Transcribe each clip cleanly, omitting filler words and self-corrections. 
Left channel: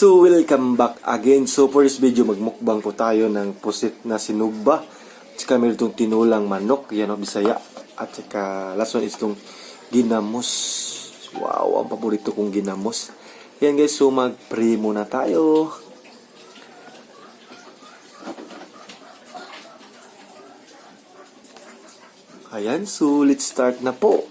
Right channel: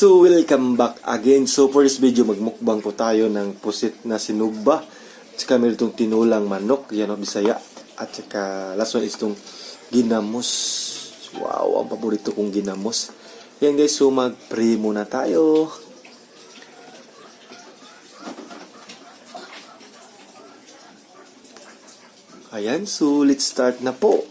So welcome back again. So for this video, magmukbang po tayo ng pusit na sinugba. At saka meron itong tinulang manok, yan o Bisaya. At saka last one is itong ginamos. Wow, ang paborito kong ginamos. Yan guys, so mag-pray muna tayo. Ayan, so let's start na po.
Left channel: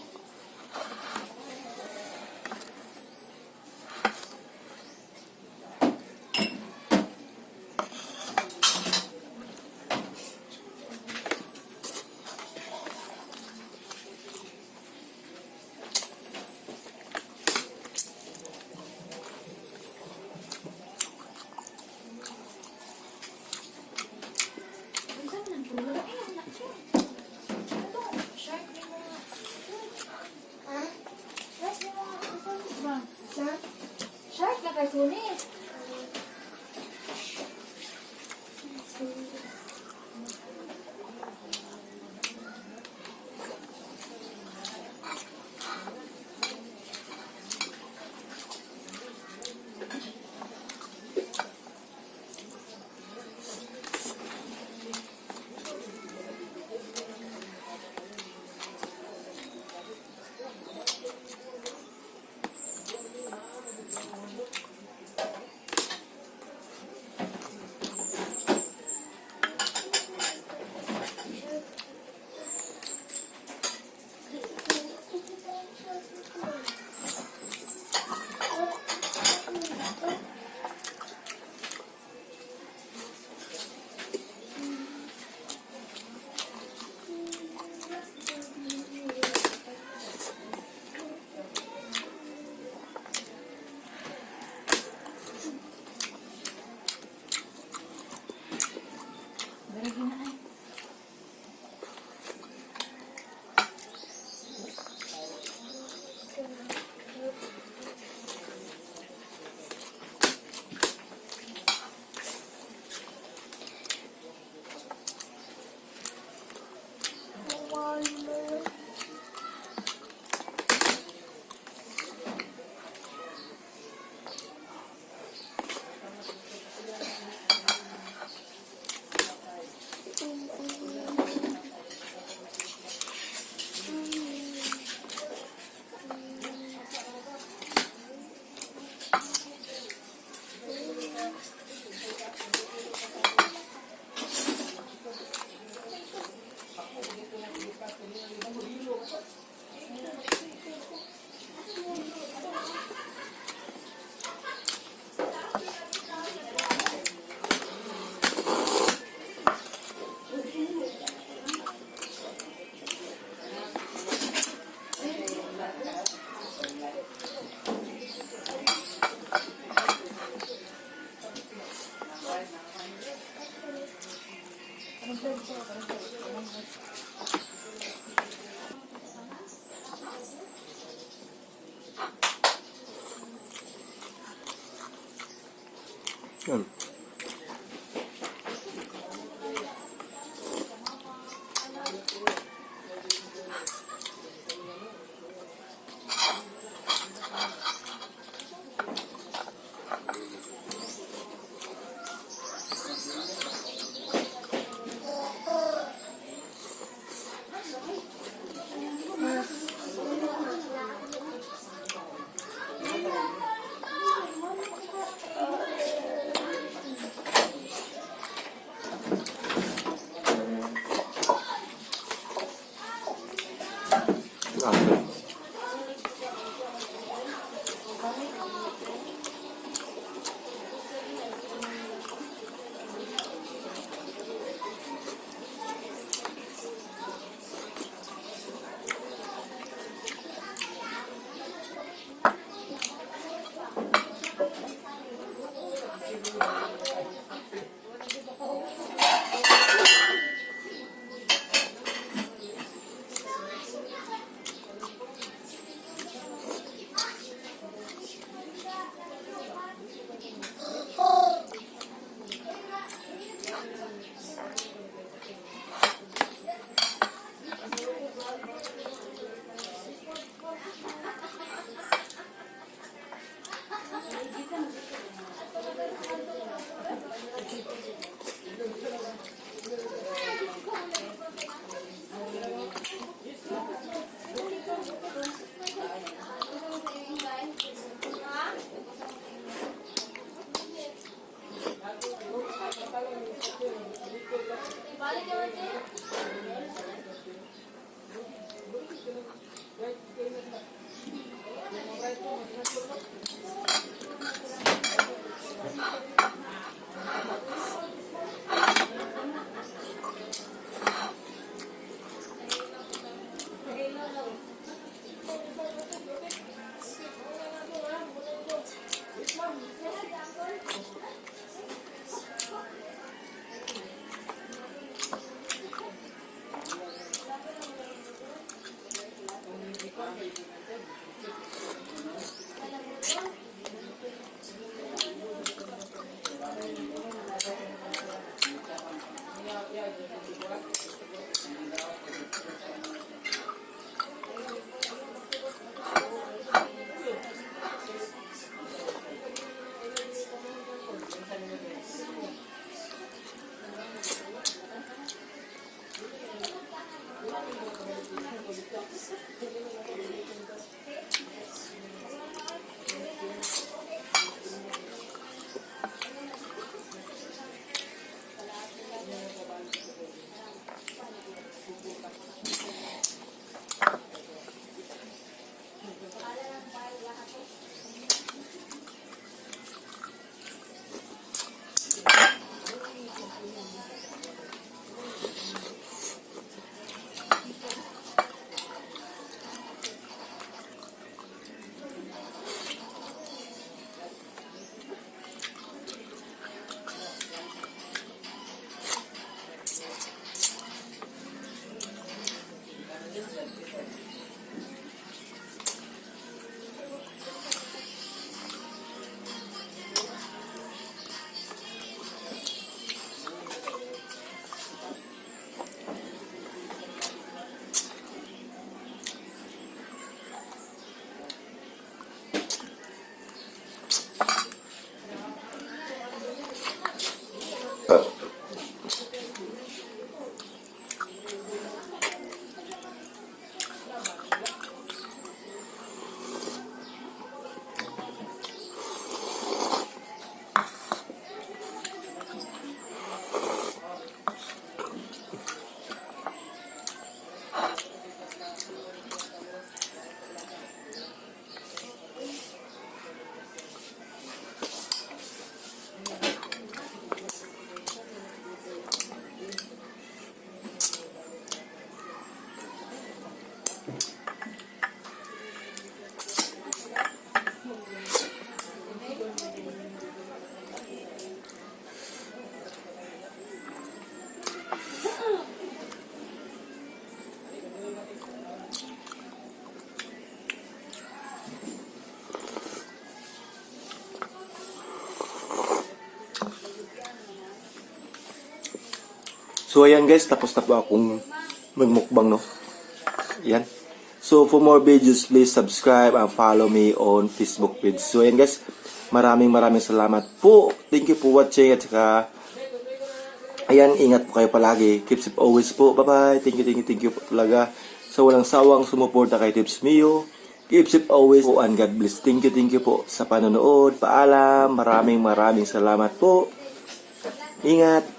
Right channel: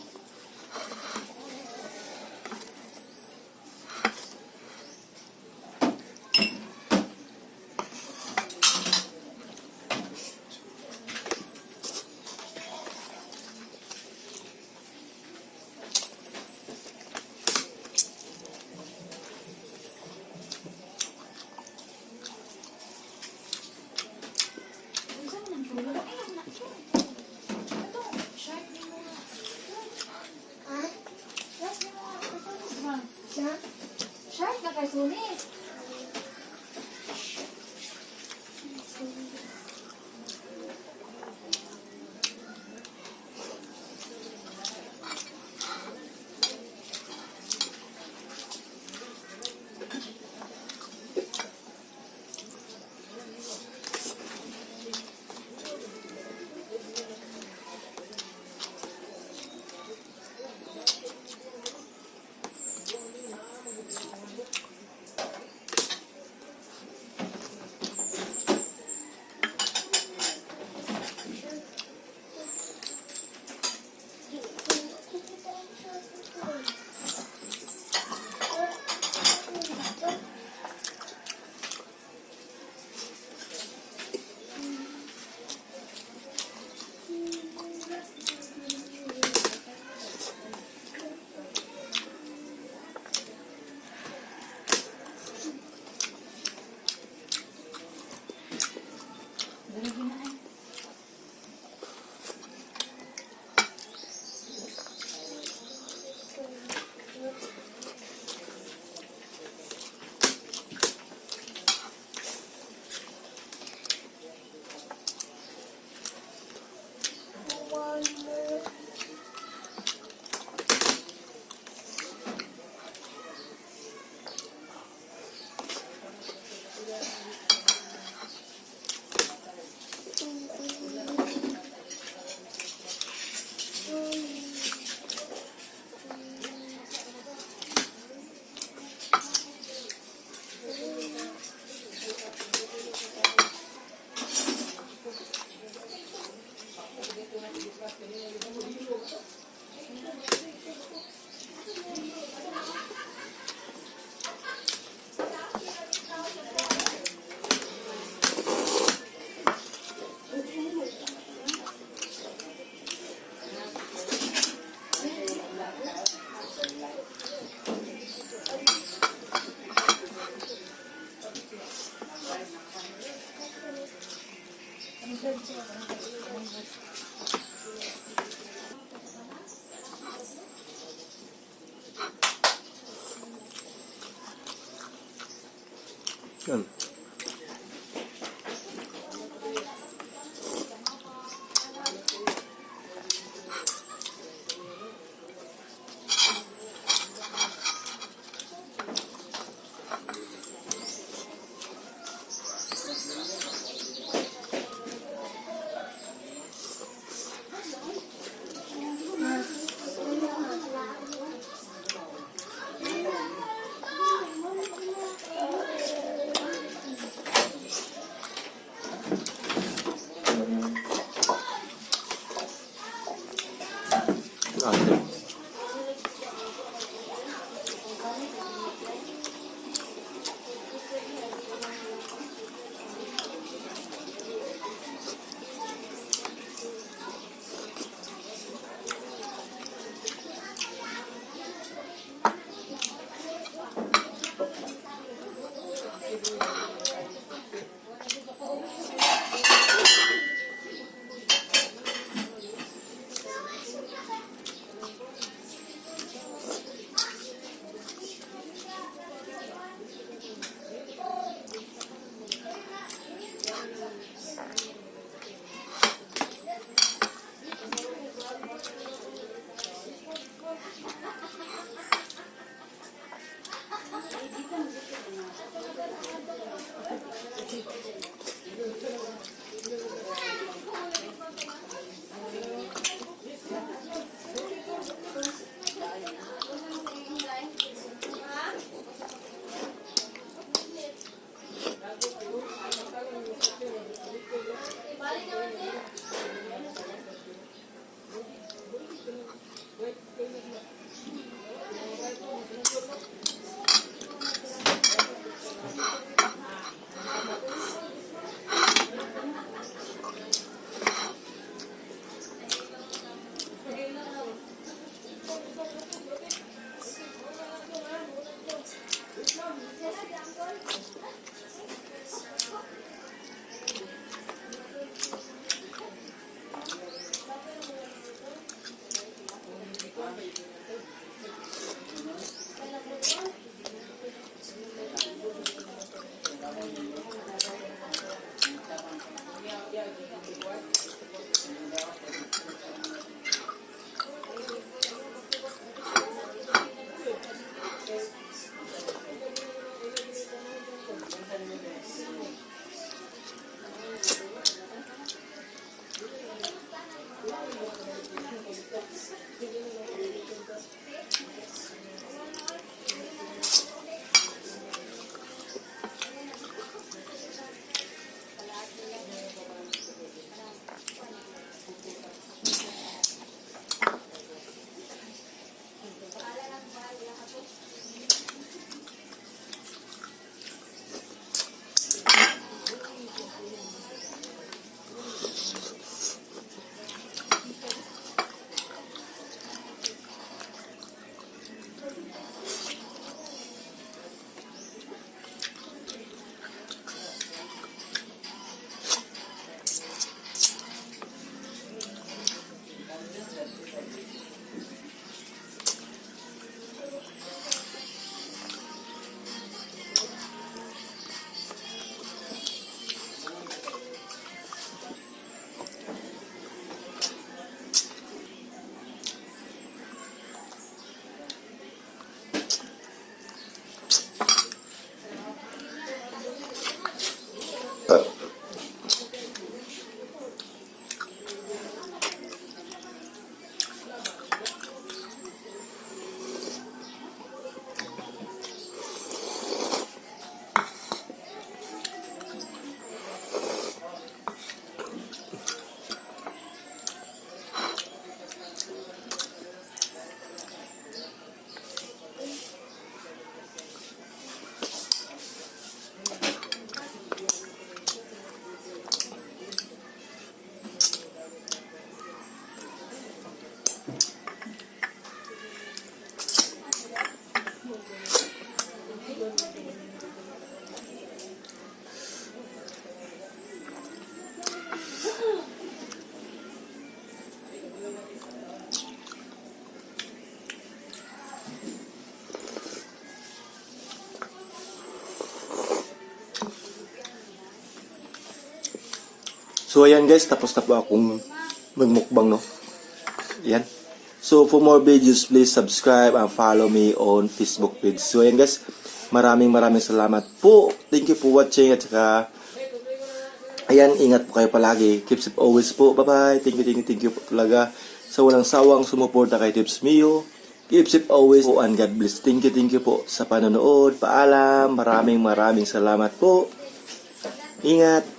Shark na karsunis. Yan. So ayan guys, tapos na po akong magmukbang, no. Yan. So for more videos, please subscribe and follow me on Facebook page. So ayan guys, maraming salamat po. Thank you for watching at saka ayan, ingat po kayo palagi. Keep safe always po. Bye-bye. Thank you po talaga sa walang sawang sumuporta kay Tips Mio. Keep safe always po and God bless. Thank you po sa panonood. Paalam. Maraming salamat po. Ingat.